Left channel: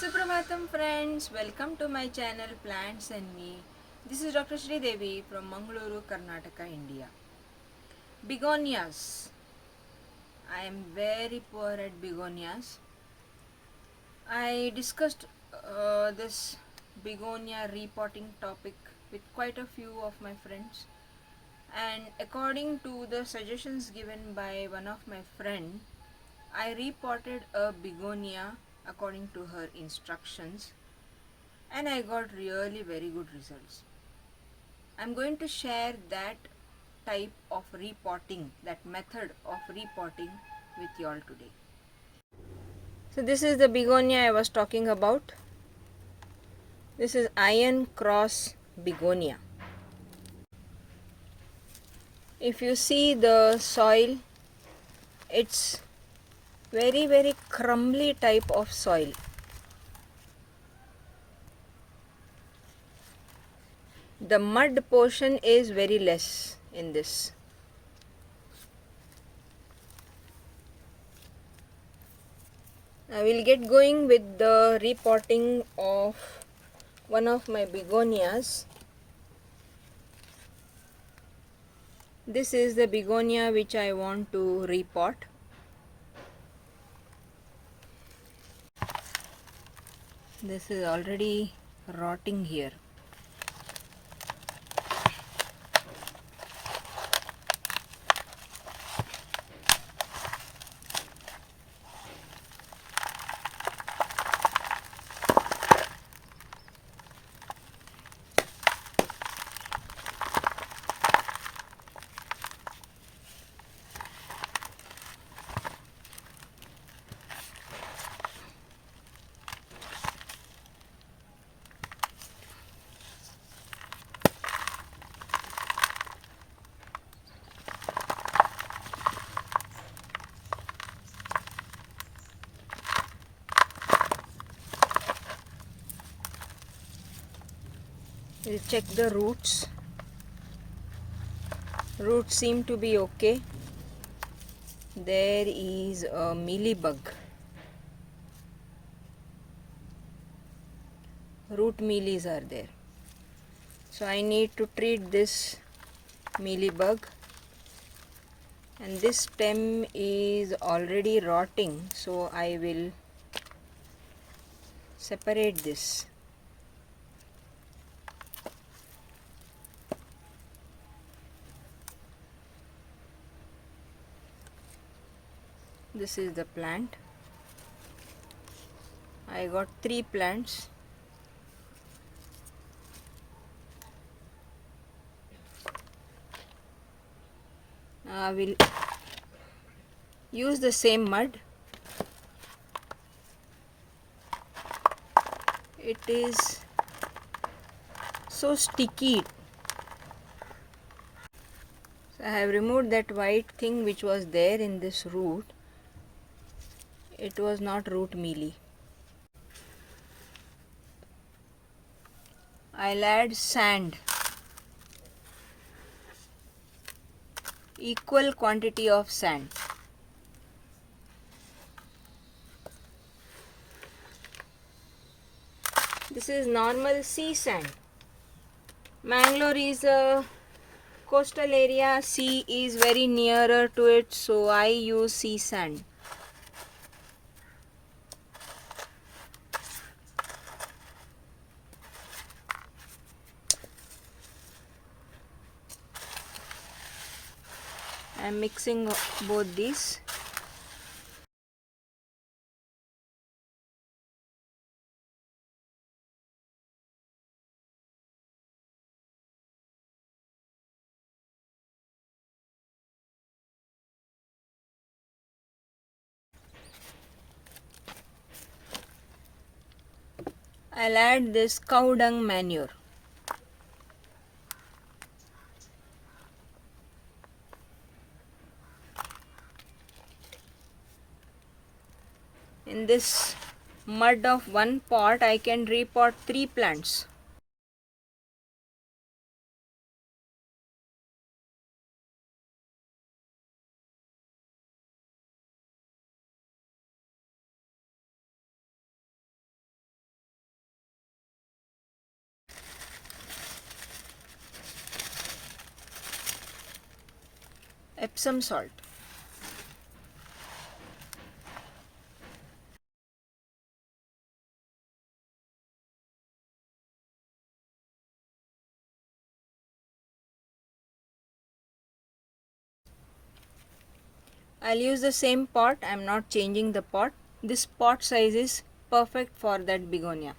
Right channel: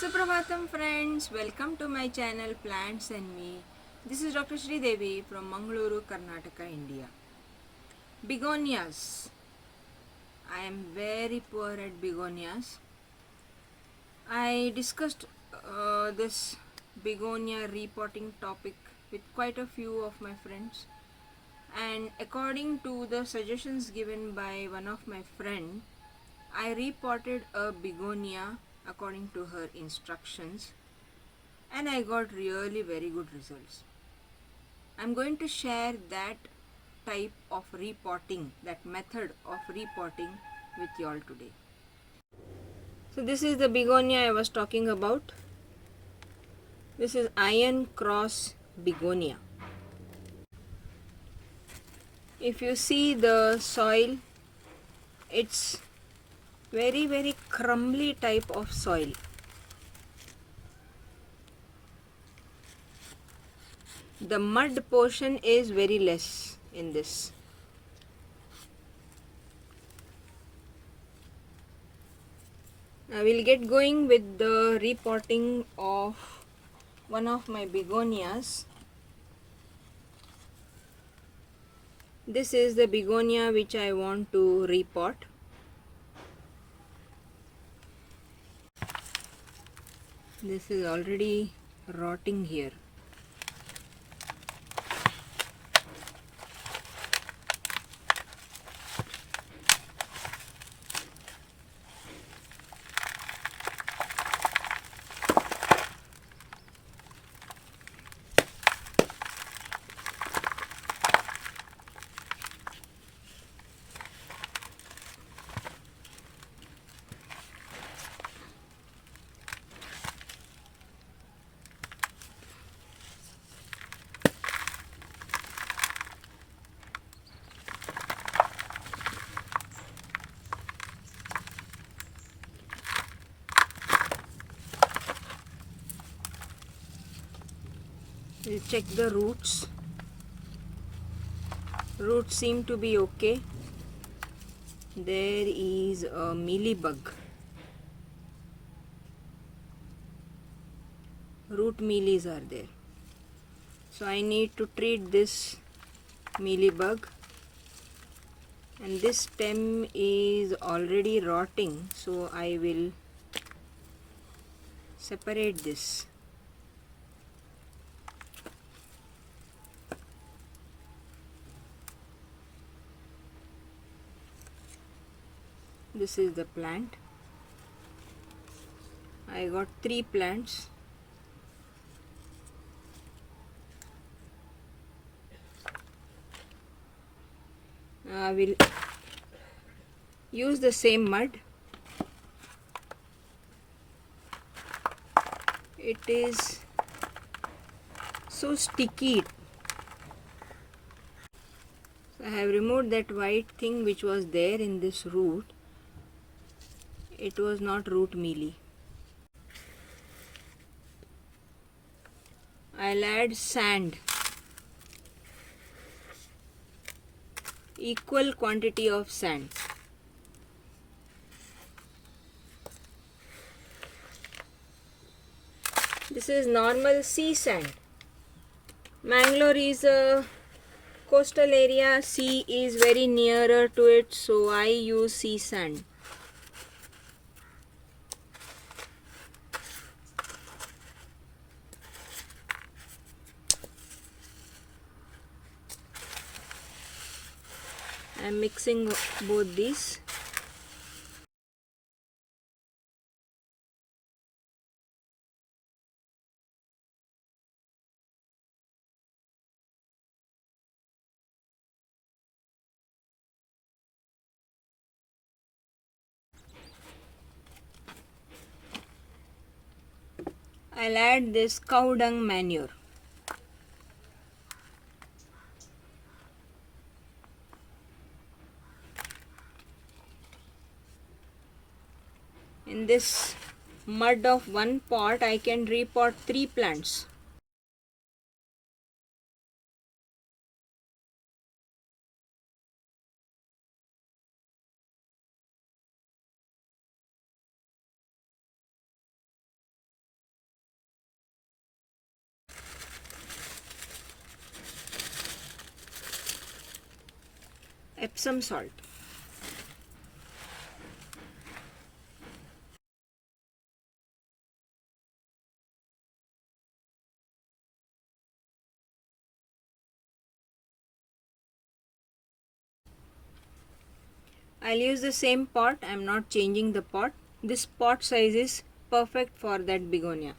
Suprabhatam friends, welcome to my channel Plants and Me. This is Dr. Sri Devi from Mangaluru, Karnataka, India. Begonias. I am very poor at begonias. I discussed this begonia repotting topic with quite a few of my friends, and according to the suggestions given by one of my friend, I repotted a begonia according to her instructions, and I got really very good results. I'm going to share that type of repotting, that method of repotting with you all today. So this is the begonia I was talking about. This is iron cross begonia. If you see the soil, it's very crumbly type of soil. The mud portion is very less in this. I will get going with the repotting of one of my begonias. This is the begonia which I want to repot. This is already rotting here. We'll check the roots. Roots seem to be okay. There is a mealybug. Root mealies are there. So I need to treat this mealybug. And this stem is already rotting, so I will separate this. This is the plant. I got 3 plants. I will use the same mud. It is so sticky. So I have removed that white thing which was there in this root. It was not root mealy. I'll add sand. Equal quantity of sand. This is normal sea sand. Mangalore is a coastal area. Sea is very nearer to it, so I use sea sand. I am mixing both these. I'll add this cow dung manure. In this mud of one pot, I can repot 3 plants. Epsom salt. I'll use the same pot. I'm not changing the pot. This pot size is perfect for that begonia.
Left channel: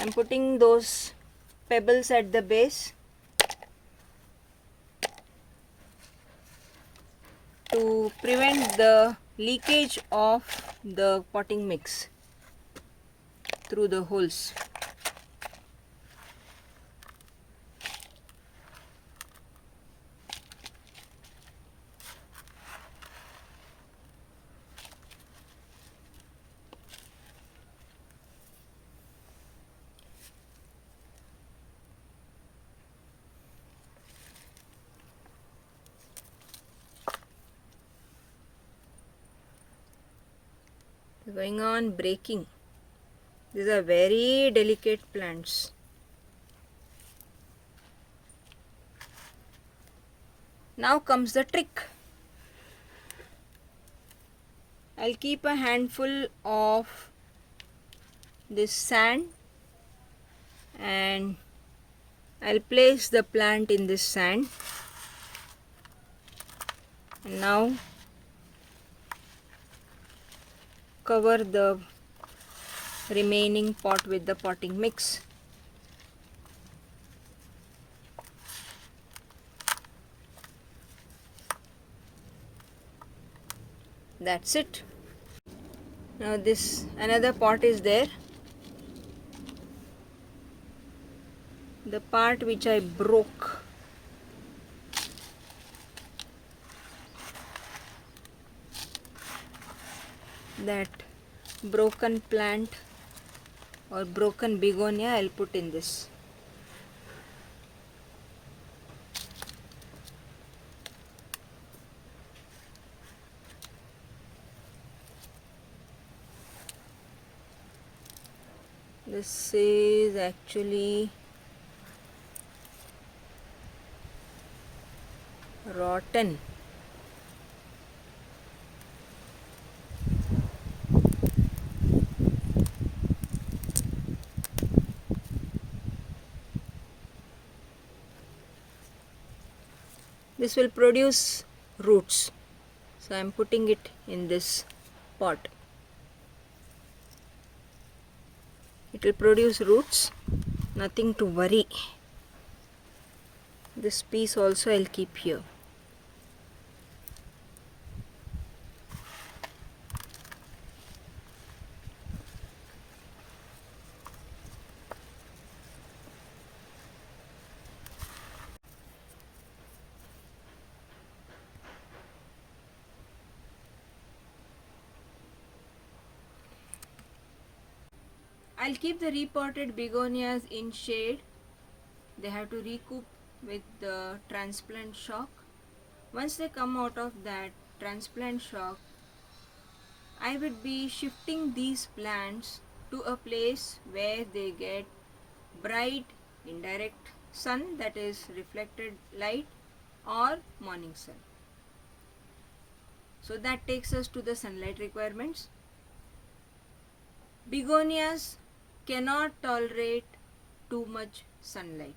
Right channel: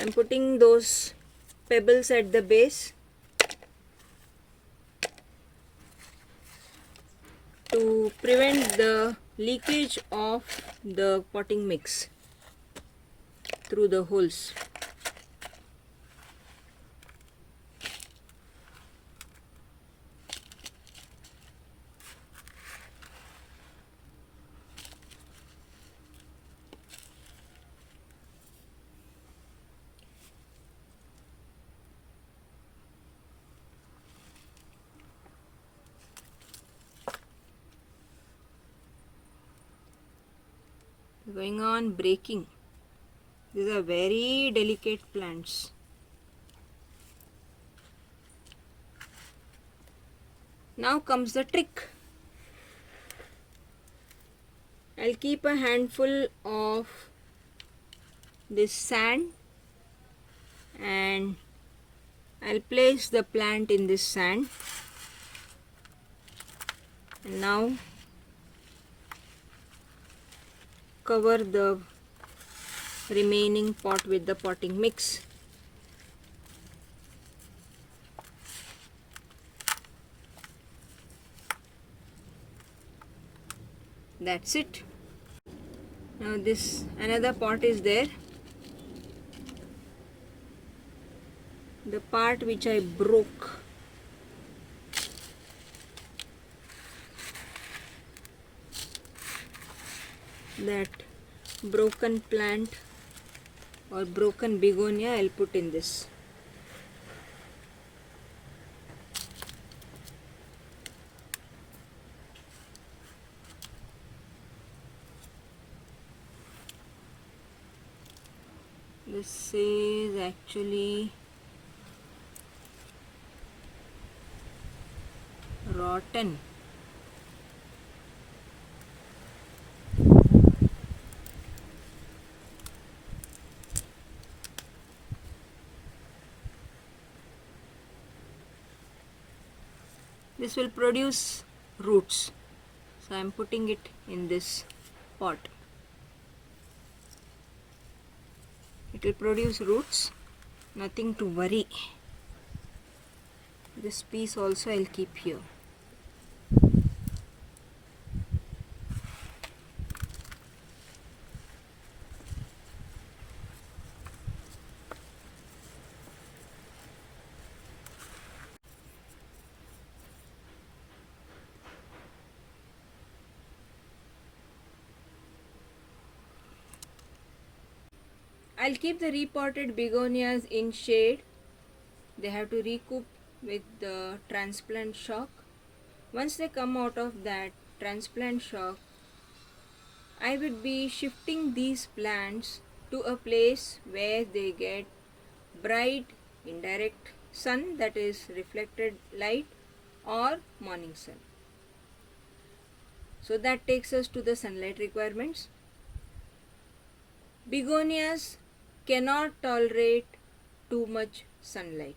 I'm putting those pebbles at the base to prevent the leakage of the potting mix through the holes. Going on breaking. These are very delicate plants. Now comes the trick. I'll keep a handful of this sand and I'll place the plant in this sand. And now cover the remaining pot with the potting mix. That's it. Now this another pot is there. The part which I broke. That broken plant or broken begonia I'll put in this. This is actually rotten. This will produce roots. So I am putting it in this pot. It will produce roots. Nothing to worry. This piece also I'll keep here. I'll keep the repotted begonias in shade. They have to recoup with the transplant shock. Once they come out of that transplant shock, I would be shifting these plants to a place where they get bright indirect sun, that is reflected light, or morning sun. So that takes us to the sunlight requirements. Begonias cannot tolerate too much sunlight.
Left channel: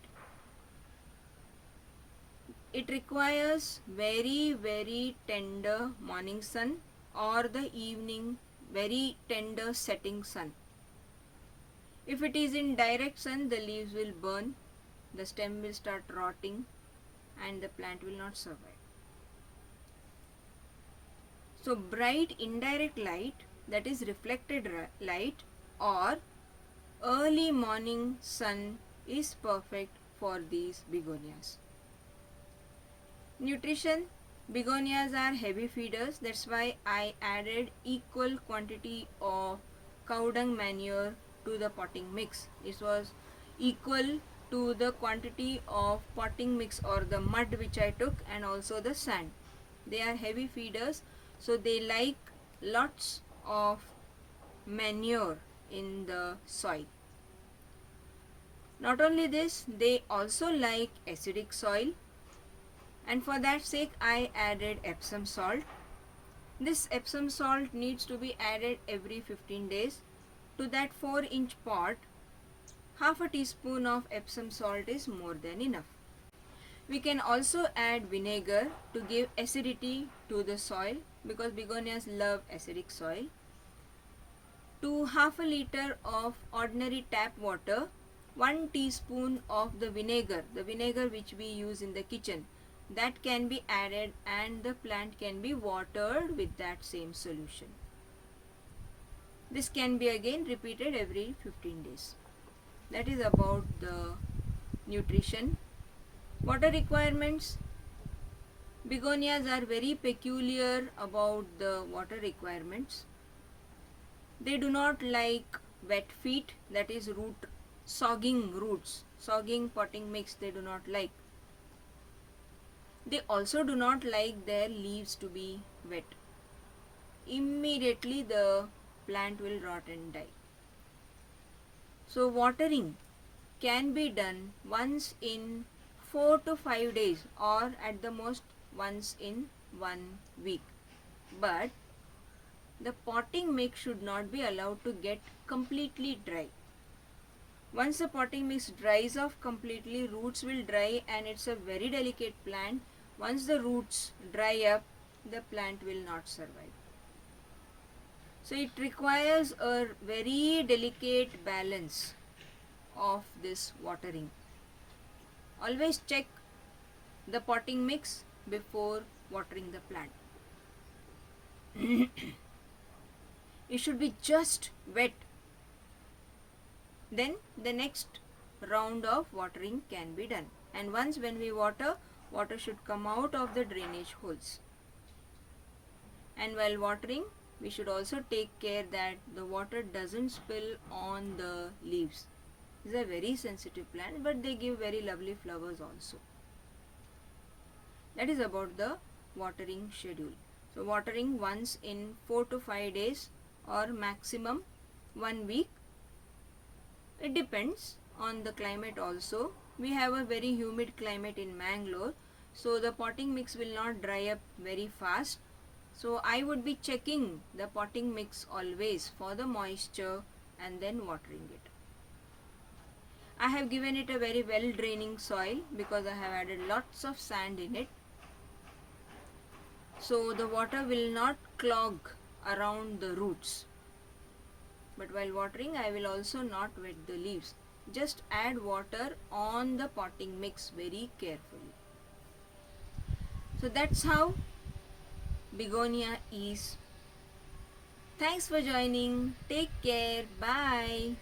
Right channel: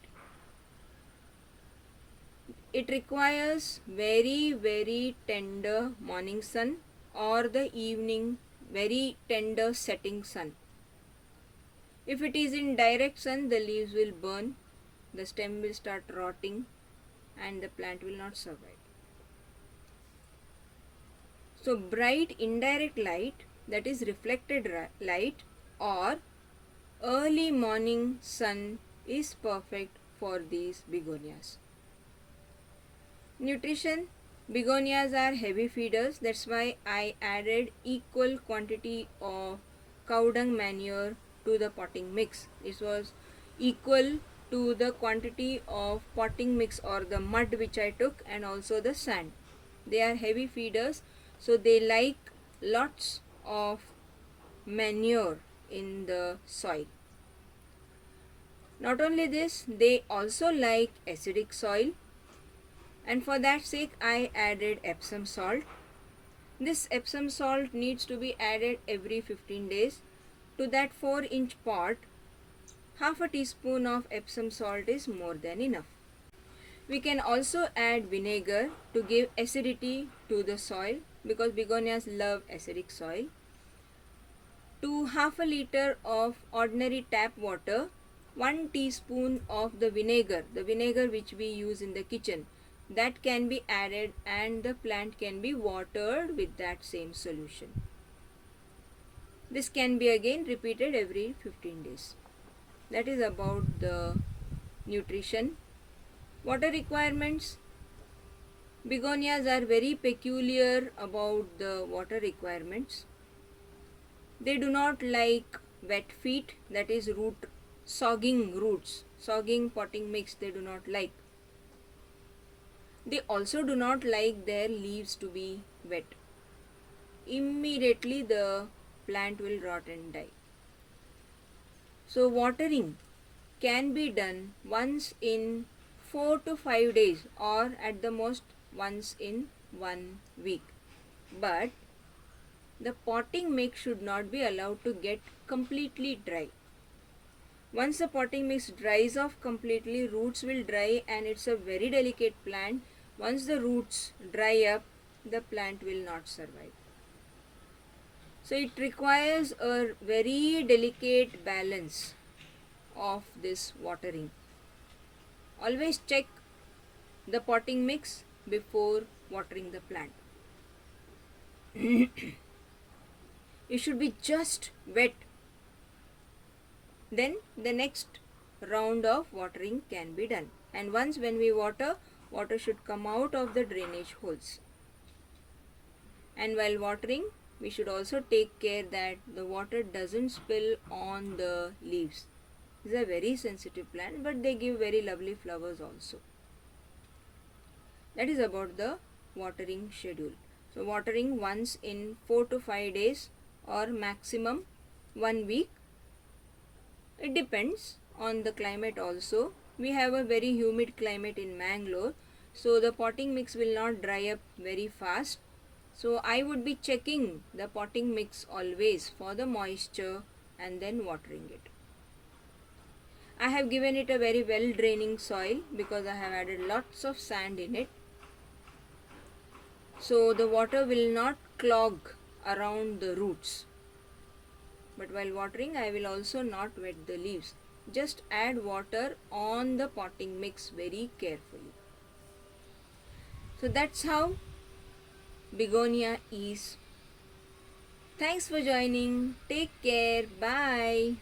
It requires very tender morning sun or the evening very tender setting sun. If it is in direct sun, the leaves will burn, the stem will start rotting, and the plant will not survive. So bright indirect light, that is reflected light, or early morning sun is perfect for these begonias. Nutrition. Begonias are heavy feeders. That's why I added equal quantity of cow dung manure to the potting mix. It was equal to the quantity of potting mix or the mud which I took, and also the sand. They are heavy feeders, so they like lots of manure in the soil. Not only this, they also like acidic soil, and for that sake I added Epsom salt. This Epsom salt needs to be added every 15 days. To that 4-inch pot, half a teaspoon of Epsom salt is more than enough. We can also add vinegar to give acidity to the soil because begonias love acidic soil. To half a liter of ordinary tap water, 1 teaspoon of the vinegar which we use in the kitchen, that can be added and the plant can be watered with that same solution. This can be again repeated every 15 days. That is about the nutrition. Water requirements. Begonias are very peculiar about the water requirements. They do not like wet feet, that is sogging roots, sogging potting mix they do not like. They also do not like their leaves to be wet. Immediately the plant will rot and die. So watering can be done once in 4 to 5 days or at the most once in 1 week. But the potting mix should not be allowed to get completely dry. Once the potting mix dries off completely, roots will dry and it's a very delicate plant. Once the roots dry up, the plant will not survive. So it requires a very delicate balance of this watering. Always check the potting mix before watering the plant. It should be just wet. Then the next round of watering can be done. And once when we water, water should come out of the drainage holes. And while watering, we should also take care that the water doesn't spill on the leaves. These are very sensitive plants, but they give very lovely flowers also. That is about the watering schedule. So watering once in 4 to 5 days or maximum 1 week. It depends on the climate also. We have a very humid climate in Mangalore, so the potting mix will not dry up very fast. So I would be checking the potting mix always for the moisture and then watering it. I have given it a very well draining soil because I have added lots of sand in it. So the water will not clog around the roots. But while watering, I will also not wet the leaves. Just add water on the potting mix very carefully. So that's how begonia is. Thanks for joining. Take care. Bye.